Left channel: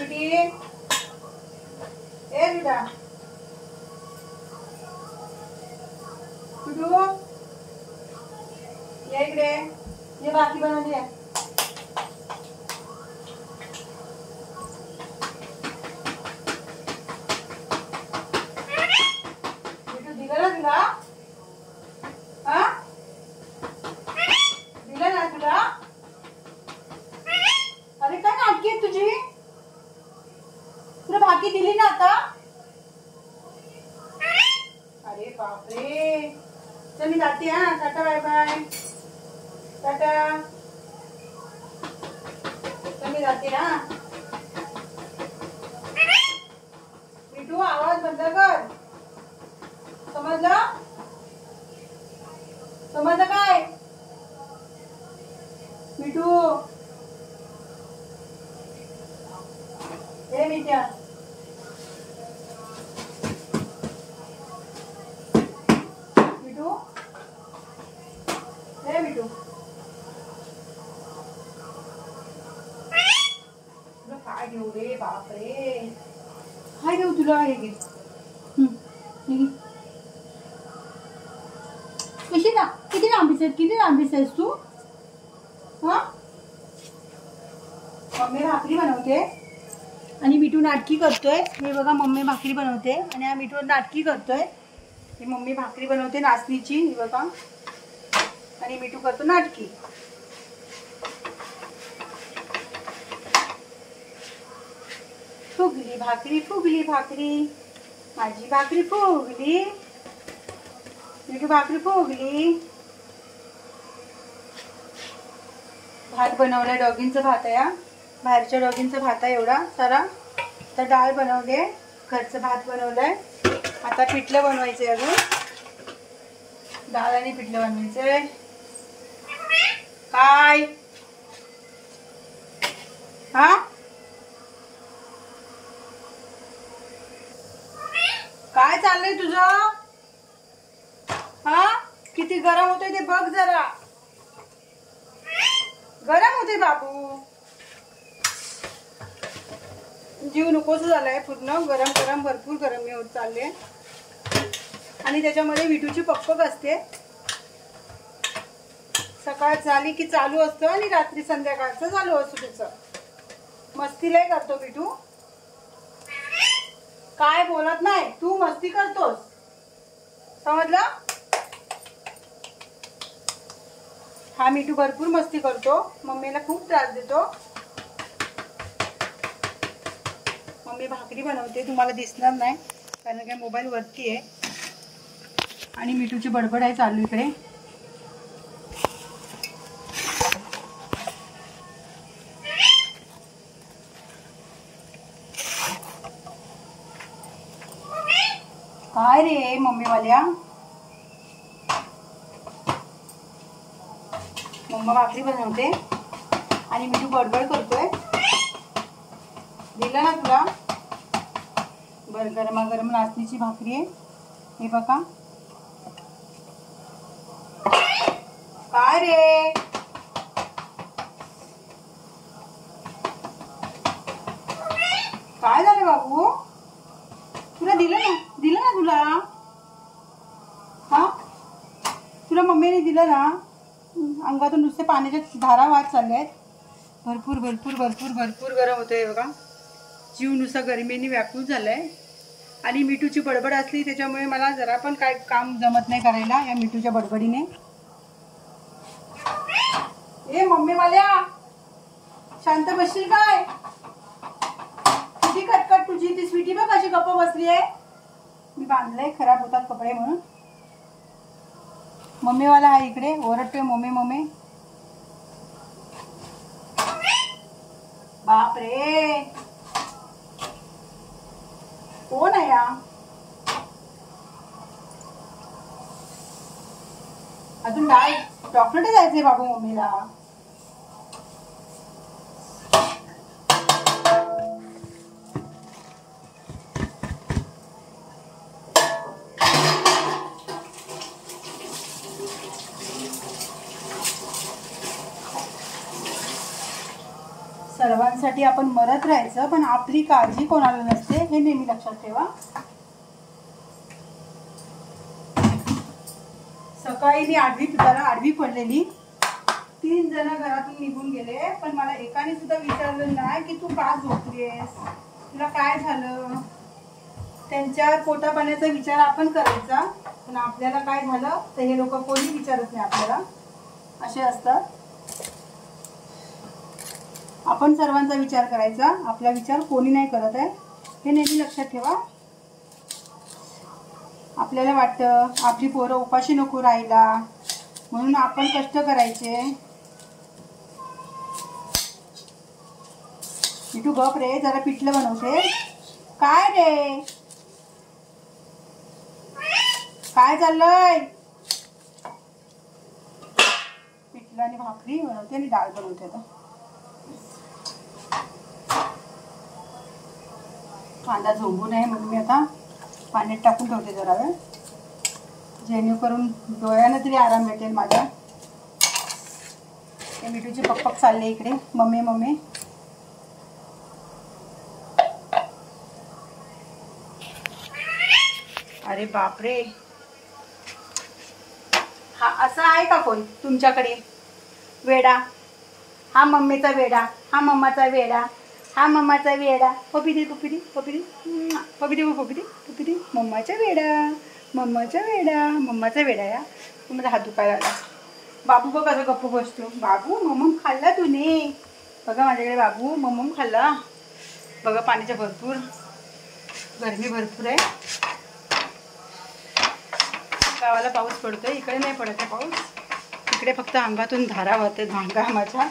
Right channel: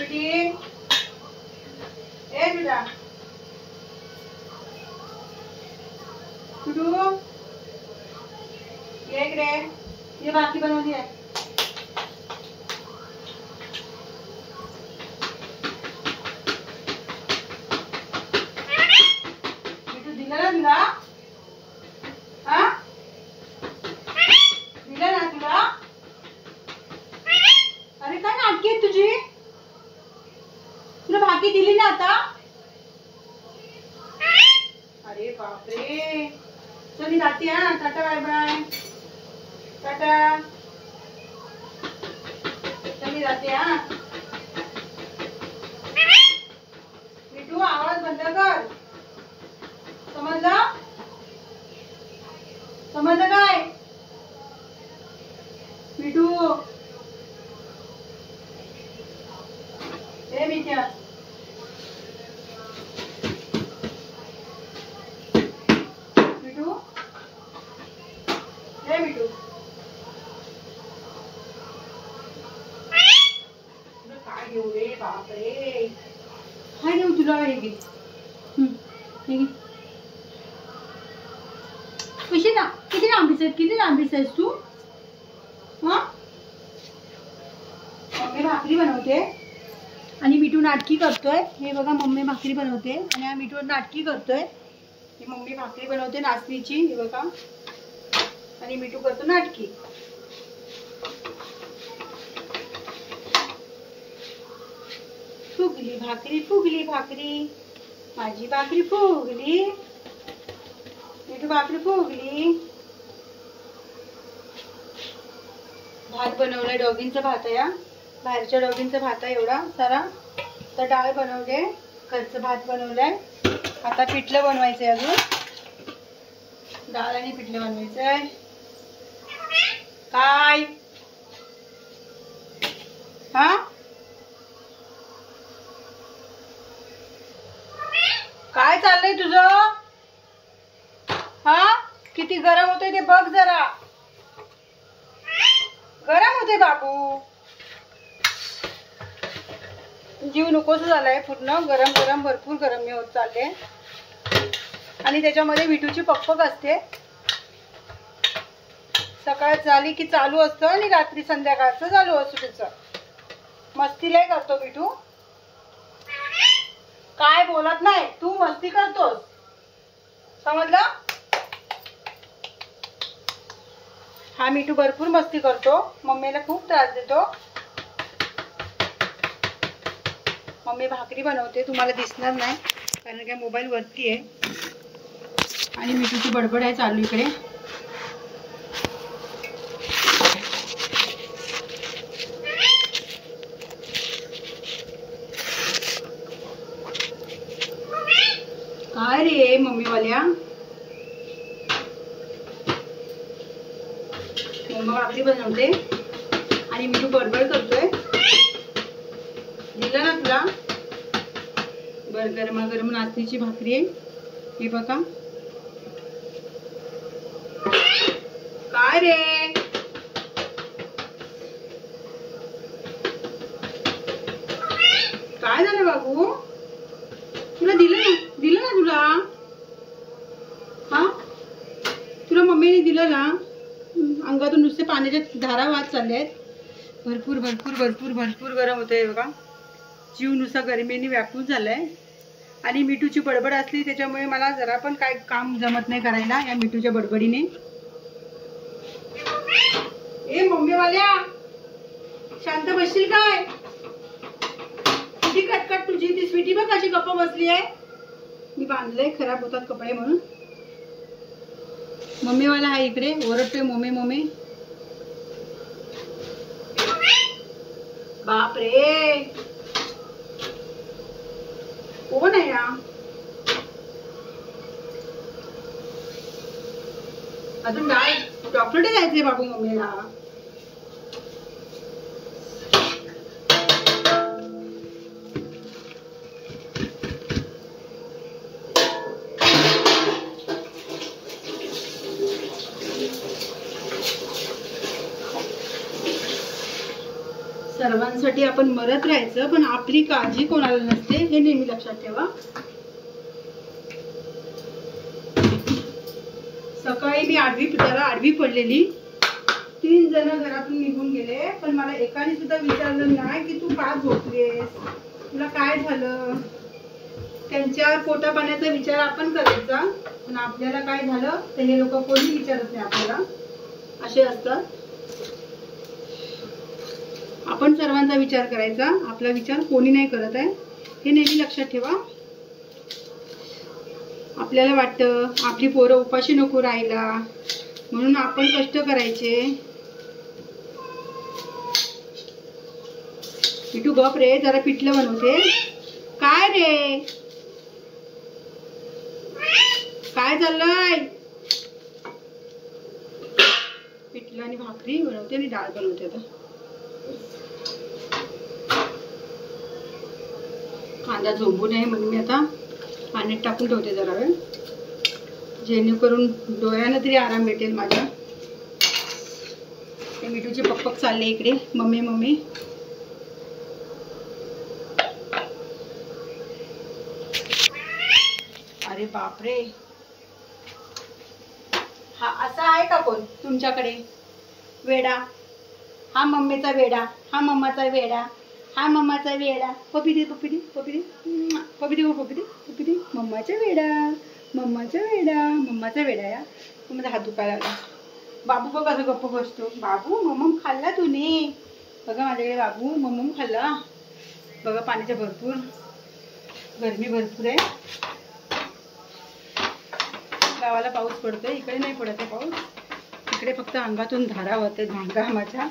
स्वीटी ए बेटा कुटू ये इकडे ये भाकरी बनवली आहे. बिटू दिलं ना तुला हा दिलं ना तुला. अरे काय नाटकी आहे तुझी. तुला भाकरी दिली ना आता. अरे बापरे चल मी जाते हा. Tata bye bye tata. चल मी जाते हा. बिटू आवाज बंद कर. समजलं समजलं काय बिटू. ए मिठ्या बिटू ए बिटू तुला काय घेऊ रे. बापरे काय देऊ तुला. हे घे हे घे. कशी ना किती लांबीच आहेस तू. हा मम्मी भाकरी बनवते आणि मिठू नाटकी करतोय. हे बघा मम्मी भाकरी बनवते आणि हा मिठू नाटकी करतोय. ही मम्मी भाकरी बनवते नाचणीची. हे बघा आणि मिठू करतो नाटकी. फुगली भाकरी माझी भाकरी फुगली. मिठू भाकरी फुगली. भात बनवलाय. डॉगींचा भात आहे. बाहेरच्या डॉगींचा भात आहे एवढा सारा. तर डाळ बनवले. घरचं भात बनवलंय. आता पिठलं बनवायचंय. अजून डाळ आणि पिठलं बनवायचंय. काय हा काय चाललंय तुझं. हा किती गरम होतंय ते बघ जरा. गरम होते बाबू. जीव नकोस झालाय पूर्ण. गरम भरपूर गरम होत चालले. आणि त्याच्यामध्ये विटूची पकपक असते. सकाळ झाली की चालू असतं आणि रात्री संध्याकाळचं चालू असतं त्याचं. मस्ती लय करतो विटू. काय बोलत नाही तू मस्ती करतोस. समजलं. हा मिठू भरपूर मस्ती करतो. मम्मीला खूप त्रास देतो. मम्मी भाकरी बनवते. तुम्हाला दिसणार नाही कारण काय मोबाईल वरती आहे. आणि मिठूची बडबड आहे चालू इकडे. काय रे मम्मीवाल्या. मम्मा भाकरी बनवते आणि मिठू बडबड करतोय. दिलं ना तुला. बरं गरमागरम नाचणीची भाकरी आहे. हे बघा. काय रे काय झालं बाबू. तुला दिलं ना तुला. हा तुला मम्मीने दिलं ना. अंगातून नुसते पाण्याच्या धारा वाहत चालले आहेत. भरपूर गरम होतंय बघा. जीव नुसता गरमीने व्याकुळ झालाय. आणि मिठूची बडबड असली त्याच्यामुळे मला जरा पण काय काम जमत नाही करायला या मिठूच्या बडबडीने. ए मम्मीवाल्या शांत बसशील काय. किती कटकट तुझी. ती स्वीटी बघ कशी गप्प बसली आहे. मी बांधलंय खराब होतात कपडे म्हणून. मम्मीवाला आहे इकडे ओरडतोय मम्मी. बापरे कोण आहे या. अजून काय चॉकलेट द्यायचे बाबू मम्मीला. सर्वांसाठी आपण मरत राहायचं, पण आपली काळजी कोणाला नसते हे नेहमी लक्षात ठेवा. सकाळी मी आडवी पडलेली. 3 जण घरातून निघून गेले, पण मला एकाने सुद्धा विचारलं नाही की तू का झोपलीस, तुला काय झालं. त्यांच्या पोटा पाण्याचा विचार आपण करायचा, पण आपल्याला काय झालं तर हे लोक कोणी विचारत नाही आपल्याला. असे असतात. आपण सर्वांचा विचार करायचा, आपला विचार कोणी नाही करत आहे हे नेहमी लक्षात ठेवा. आपल्याला वाटतं आपली पोरं उपाशी नको राहायला, म्हणून आपण कष्ट करायचे. तू गप रे, जरा पिठलं बनवते. काय रे, काय चाललंय. पिठलं आणि भाकरी बनवते आणि डाळ बनवते. आता कांदा झोंबू नये म्हणून मी आता पाण्यात टाकून ठेवते जरा वेळ, जेणेकरून डोळ्यानं तरी आराम भेटेल माझ्या. ते मिठूचे पप्पक चालले इकडे, मम्मी मम्मी. अरे बापरे, हा असा आहे का कोण तुमच्याकडे वेडा. हा मम्मीचा वेडा, हा मम्माचा वेडा, हा मम्माचा वेडा. पपिडी पपिडी पपिडी पपिडी पपिडी पपिडी. मम्माचा वेडा, मम्माचा वेडा, मम्माचा वेडा. या तुम्हाला हात दुखायला लागला. बाबू बघ कसं गप्प बसतो. बाबू मम्मम खाल्ला तूने. बघा माझ्याकडे बाबू मम्मम खाल्ला. बघा पाण्याच्या भरपूर, गरमी भरपूर आहे. गावाला पाऊस पडतोय, इकडे नाही पडत आहे पाऊस. इकडे फक्त अंगातून धारा वाहते घामाच्या.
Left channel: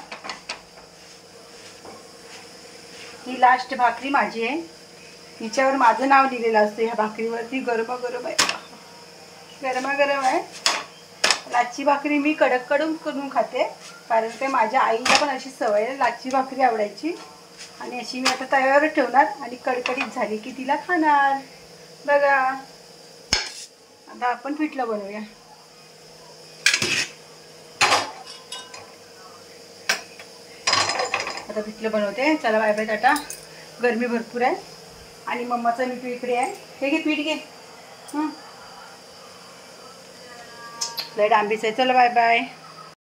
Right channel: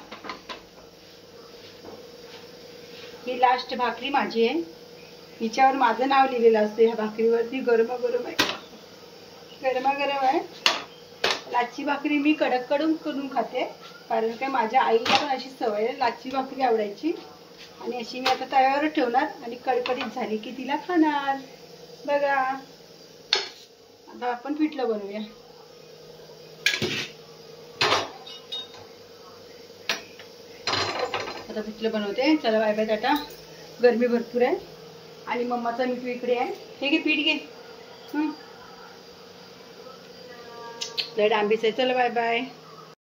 ही लास्ट भाकरी माझी आहे. हिच्यावर माझं नाव लिहिलेलं असतं ह्या भाकरीवरती. गरमागरम आहे, गरमागरम आहे. लाच्छी भाकरी मी कडक करून खाते, कारण की माझ्या आईला पण अशी सवय आहे, लाच्छी भाकरी आवडायची. आणि अशी मी आता तयार ठेवणार आणि कडकडीत झाली की तिला खाणार. बघा आता आपण पिठलं बनवूया. आता पिठलं बनवते. चला बाय बाय टाटा. गरमी भरपूर आहे आणि मम्माचा मिठू इकडे आहे. हे घे पीठ घे. लय डांबीच आहे. चला बाय बाय.